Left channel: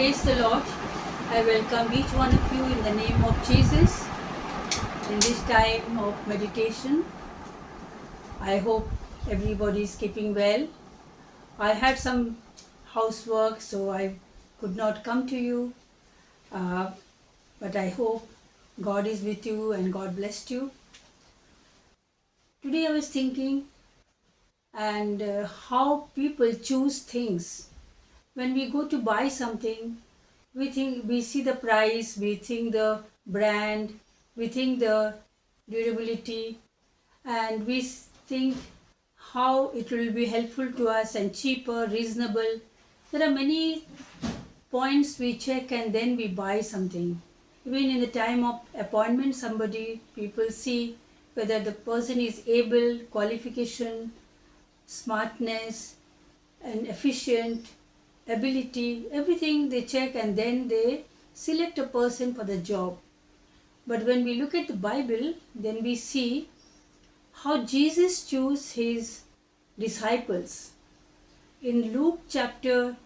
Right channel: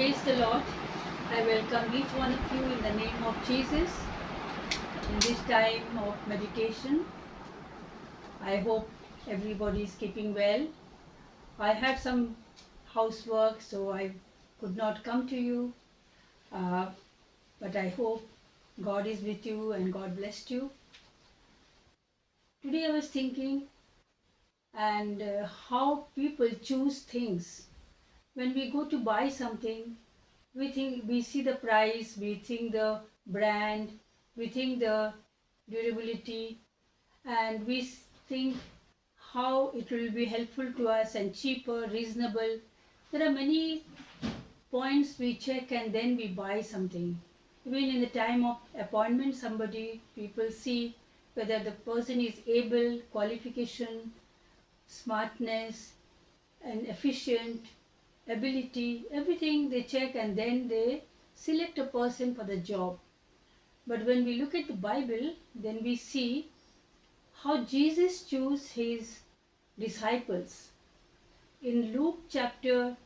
Praise the Lord. I welcome each one of you in the name of Jesus in this time of meditation. I hope everybody is keeping well. I had some housework, so I could not come to you. But I hope God is with you and God blessed you. Today I was thinking and how people choose things. When we go to buy something, we see the price, we think the brand, we think the durability, and we think how it will be helpful to us and cheaper, reasonable. There are many points we check and then we buy something. Even in the time of appointment, people see whether the person is able, qualification, smartness, and efficient, ability, everything they check and then they select a person for the job. But when we look at the Bible, then we see how Jesus chose his disciples. In Luke chapter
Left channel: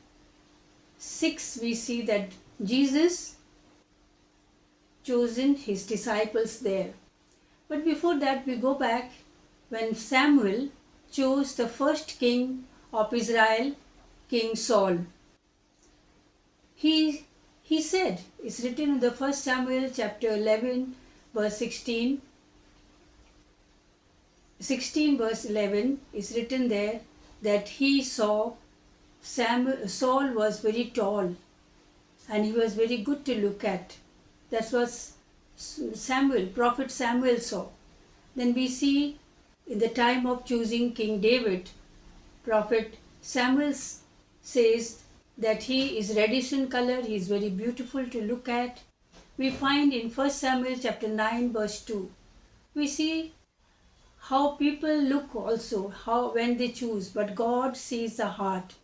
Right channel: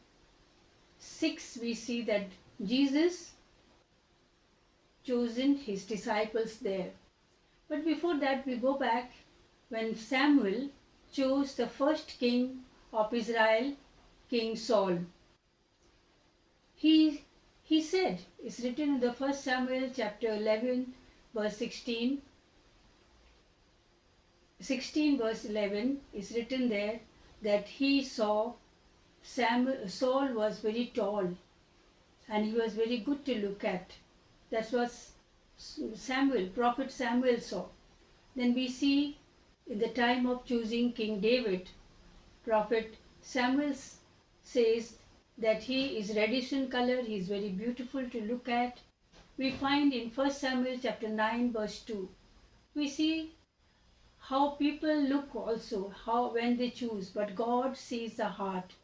6, we see that Jesus chosen his disciples there. But before that, we go back when Samuel chose the first king of Israel, King Saul. He said, it's written in the 1 Samuel chapter 11 verse 16 verse 11 is written there that he saw Saul was very tall and he was very good to look at. That was prophet Samuel saw. Then we see in the time of choosing King David, prophet Samuel says that he is reddish in color, he is very beautiful to look at. We find in 1 Samuel chapter 9 verse 2. We see how people look also, how when they choose, but God sees the heart.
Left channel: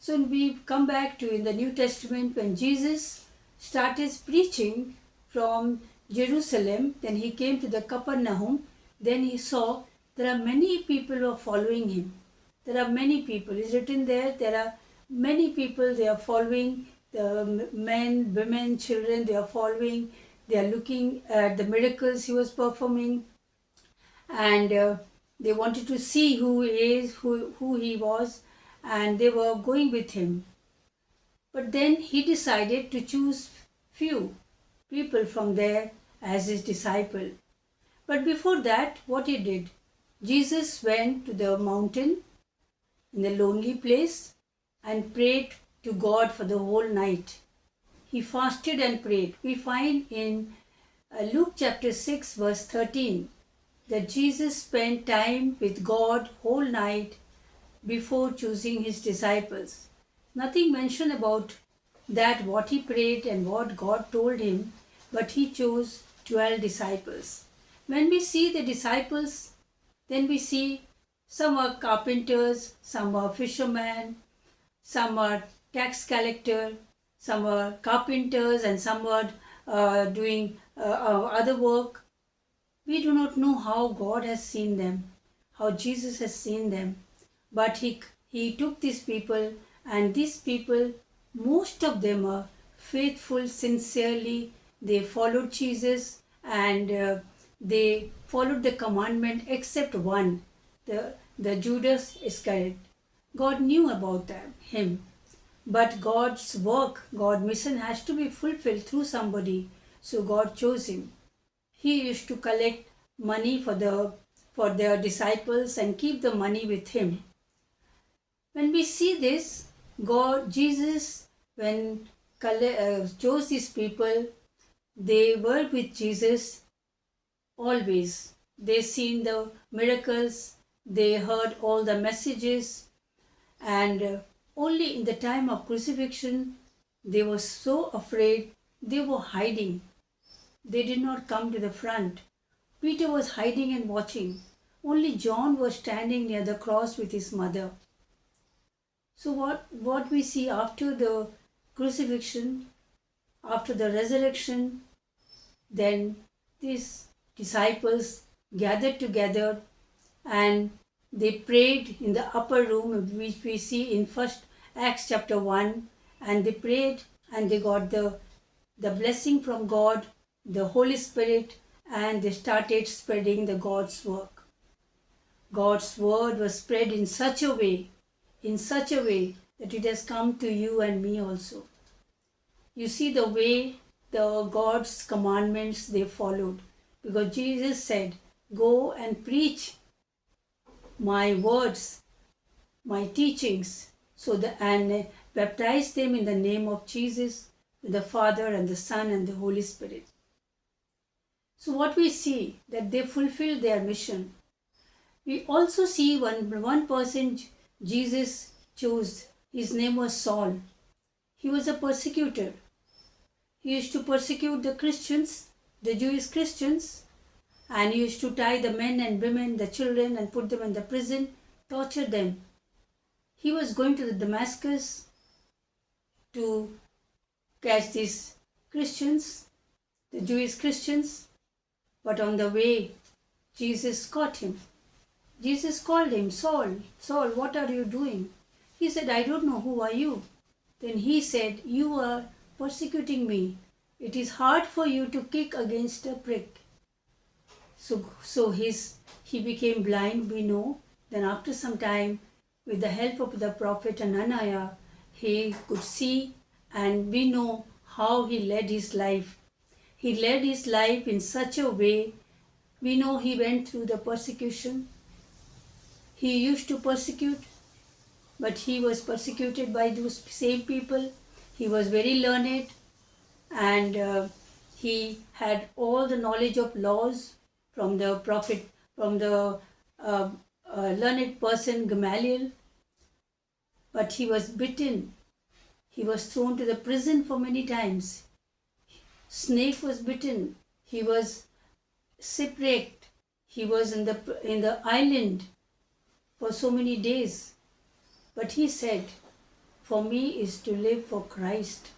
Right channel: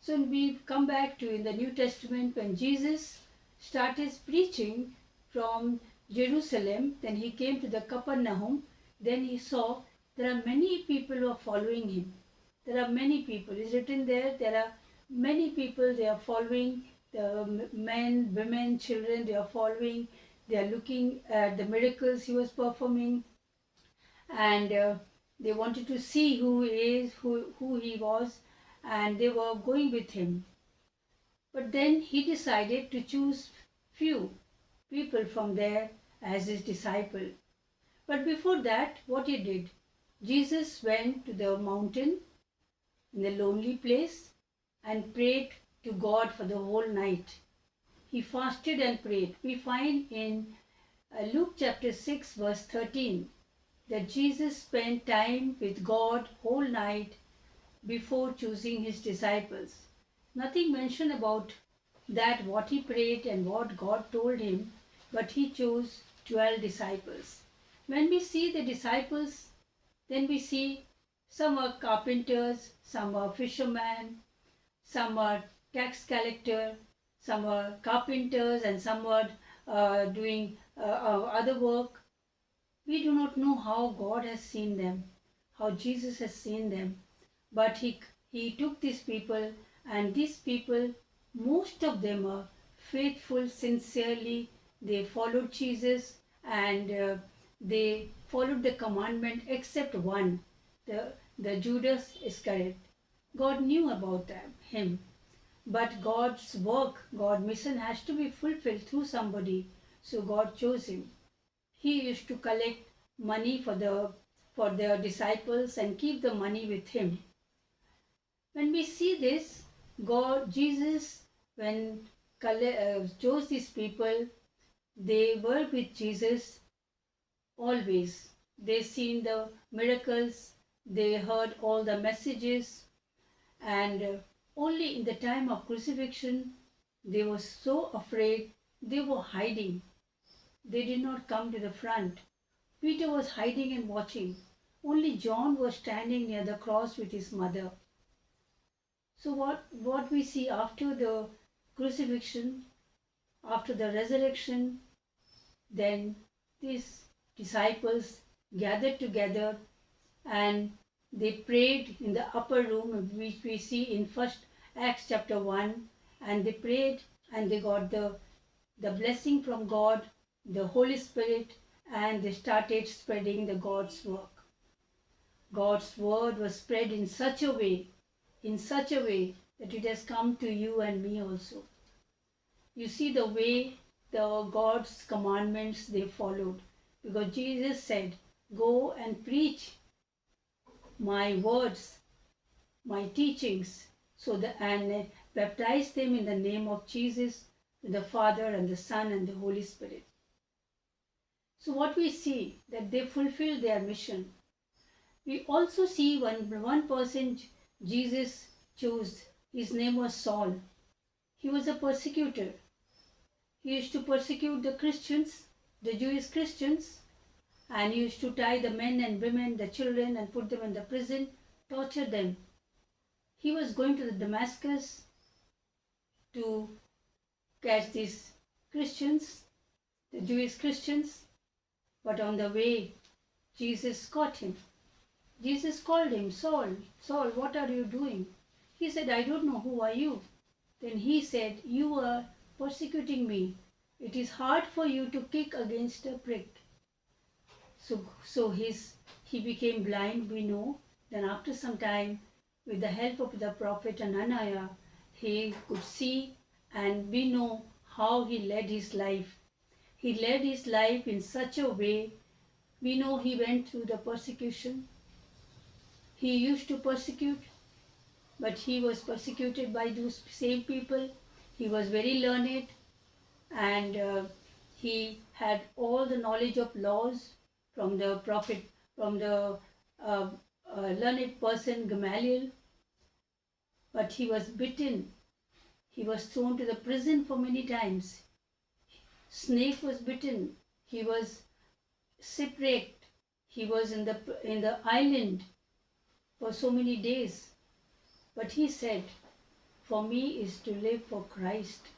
So we come back to in the New Testament when Jesus started preaching from Jerusalem, then he came to the Capernaum, then he saw there are many people who are following him. There are many people. It's written there are many people, they are following, the men, women, children, they are following, they are looking at the miracles he was performing, and they wanted to see who he was, and they were going with him. But then he decided to choose few people from there as his disciple. But before that, what he did, Jesus went to the mountain in a lonely place and prayed to God for the whole night. He fasted and prayed. We find in Luke chapter 6 verse 13 that Jesus spent time with God whole night before choosing his disciples. Nothing mentioned about that, what he prayed and what God told him, but he chose 12 disciples. When we see the disciples, then we see some are carpenters, some are fishermen, some are tax collector, some are carpenters, and some are doing other work. We do not know how God has seen them, how Jesus has seen them, but he took these people, and these people, most of them are faithful, sincerely, they followed Jesus, and they followed the commandment except one, the Judas Iscariot. God knew about him, but God's work, God's mission has to be fulfilled through somebody, so God chose him. He used to collect money for their disciples and keep the money with him. When we see this, Jesus, when chose these people, they were with Jesus always. They seen the miracles, they heard all the messages, and only in the time of crucifixion, they were so afraid, they were hiding. They did not come to the front. Peter was hiding and watching. Only John was standing near the cross with his mother. So what we see after the crucifixion, after the resurrection, then these disciples gathered together and they prayed in the upper room, which we see in first Acts chapter 1, and they prayed and they got the blessing from God, the Holy Spirit, and they started spreading the God's work. God's word was spread in such a way that it has come to you and me also. You see the way the God's commandments they followed, because Jesus said, "Go and preach my words, my teachings, and baptize them in the name of Jesus, the Father and the Son and the Holy Spirit." So what we see that they fulfilled their mission. We also see one person Jesus chose. His name was Saul. He was a persecutor. He used to persecute the Christians, the Jewish Christians, and he used to tie the men and women, the children, and put them in the prison, torture them. He was going to the Damascus to catch these Christians, the Jewish Christians, but on the way, Jesus caught him. Jesus called him, "Saul, Saul, what are you doing?" He said, "I don't know, who are you?" Then he said, "You are persecuting me. It is hard for you to kick against a prick." So he became blind, we know. Then after some time, with the help of the prophet Ananiah, he could see, and we know how he led his life. He led his life in such a way. We know he went through the persecution. He used to persecute, but he was persecuted by those same people. He was very learned, and he had all the knowledge of laws from the prophet, from the learned person Gamaliel. But he was beaten. He was thrown to the prison for many times. Snake was bitten. He was shipwrecked. He was in the island for so many days. But he said, "For me is to live for Christ,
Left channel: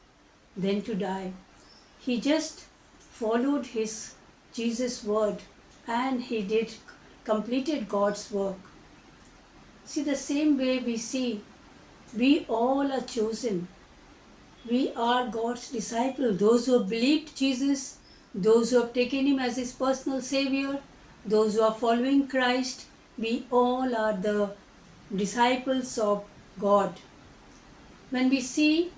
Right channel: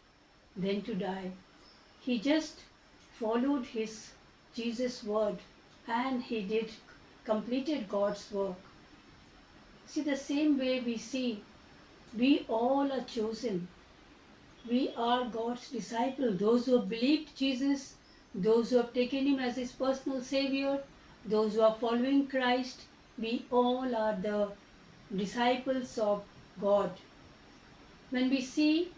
than to die." He just followed his Jesus' word, and he completed God's work. See, the same way we see, we all are chosen. We are God's disciples. Those who have believed Jesus, those who have taken him as his personal savior, those who are following Christ, we all are the disciples of God. When we see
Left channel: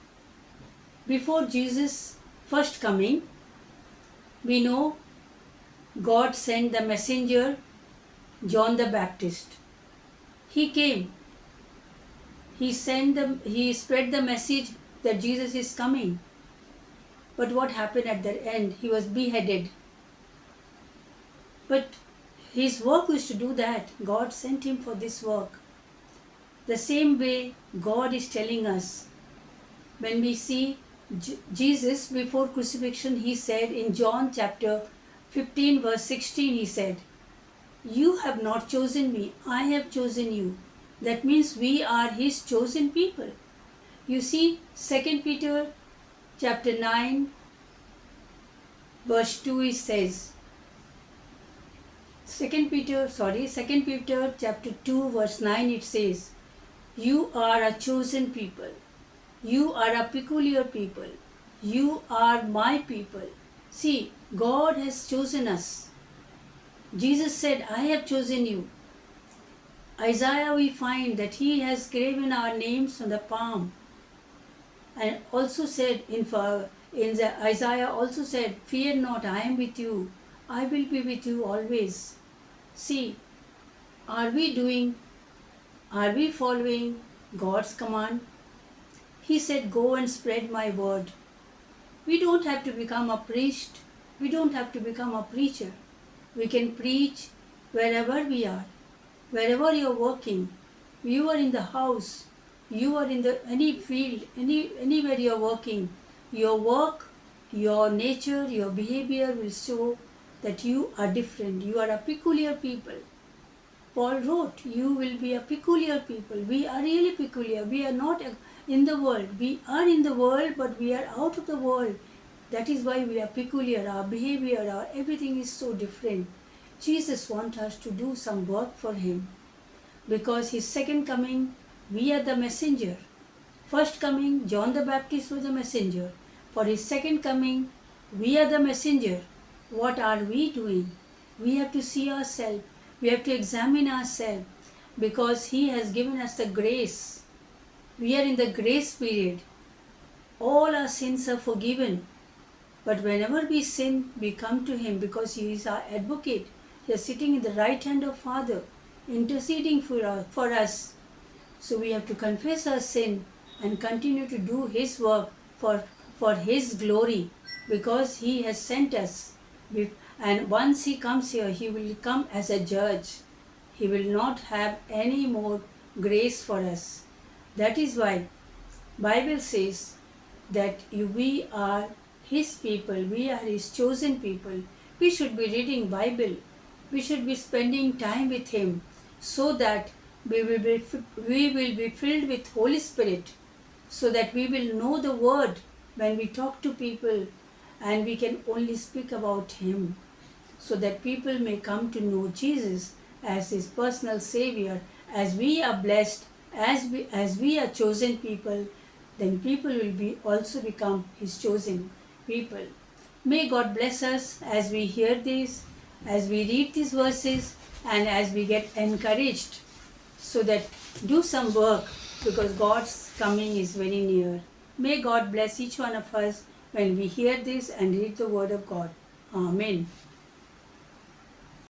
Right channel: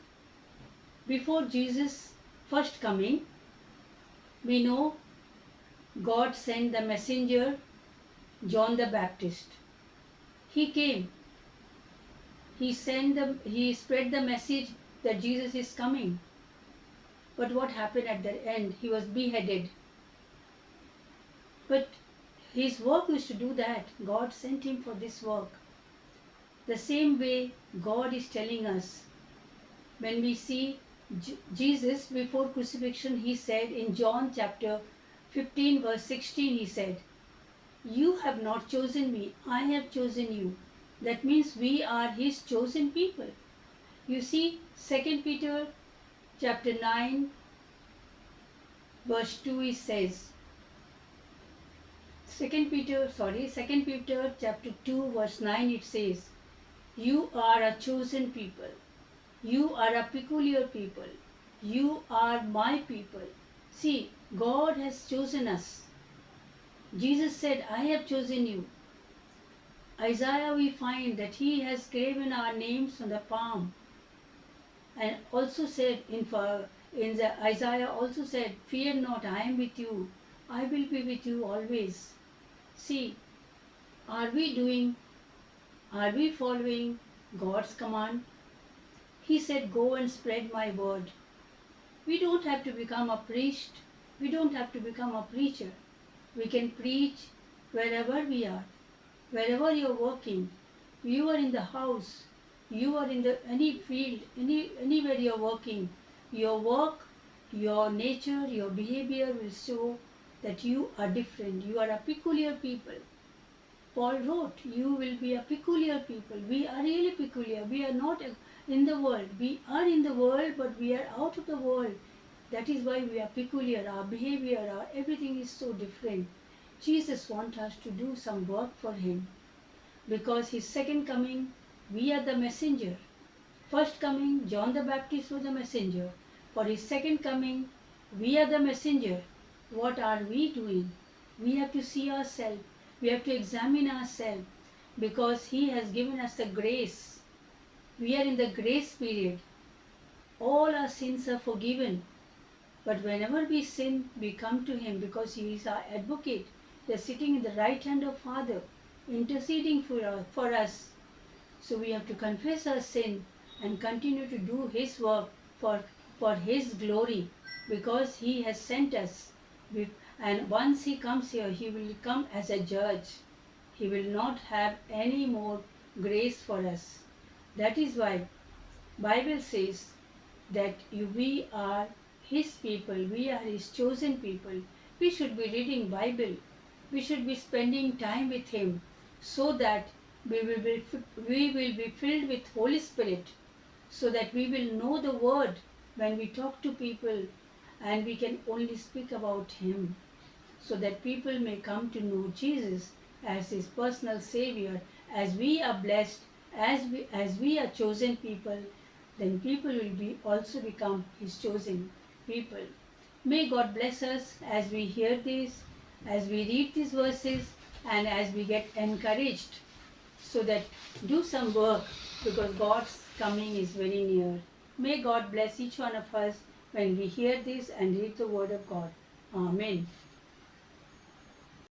before Jesus' first coming, we know God sent the messenger John the Baptist. He came. He spread the message that Jesus is coming. But what happened at the end? He was beheaded. But his work was to do that. God sent him for this work. The same way God is telling us. When we see Jesus before crucifixion, he said in John chapter 15 verse 16, he said, "You have not chosen me, I have chosen you." That means we are his chosen people. You see, 2 Peter chapter 9 verse 2, it says, 2 Peter chapter 2 verse 9, it says, "You are a chosen people. You are a peculiar people. You are my people." See, God has chosen us. Jesus said, "I have chosen you." Isaiah, we find that he has graven our names on the palm. And also said Isaiah also said, "Fear not, I am with you. I will be with you always." See, are we following God's command? He said, "Go and spread my word." We don't have to become a priest. We don't have to become a preacher. We can preach wherever we are. Wherever you are working, you are in the house, you are in any field, anywhere you are working, your work, your nature, your behavior will show that you are different. You are a peculiar people. Paul wrote, "You will be a peculiar people." We are really peculiar. We are not in the world. We are in the world, but we are out of the world. That is why we are peculiar. Our behavior, our everything is so different. Jesus wants us to do some work for him, because his second coming, we are the messenger. first coming, John the Baptist was a messenger. For his second coming, we are the messenger. What are we doing? We have to see ourselves. We have to examine ourselves because he has given us the grace. We are in the grace period. All our sins are forgiven. But whenever we sin, we come to him because he is our advocate. He is sitting in the right hand of Father, interceding for us. So we have to confess our sin and continue to do his work for his glory because he has sent us. And once he comes here, he will come as a judge. He will not have any more grace for us. That is why Bible says that we are his people, we are his chosen people. We should be reading Bible. We should be spending time with him so that we will be filled with Holy Spirit, so that we will know the word when we talk to people, and we can only speak about him, so that people may come to know Jesus as his personal savior. As we are blessed, as we are chosen people, then people will be also become his chosen people. May God bless us as we hear this, as we read these verses, and as we get encouraged, so that do some work because God's coming is very near. May God bless each one of us when we hear this and read the word of God. Amen.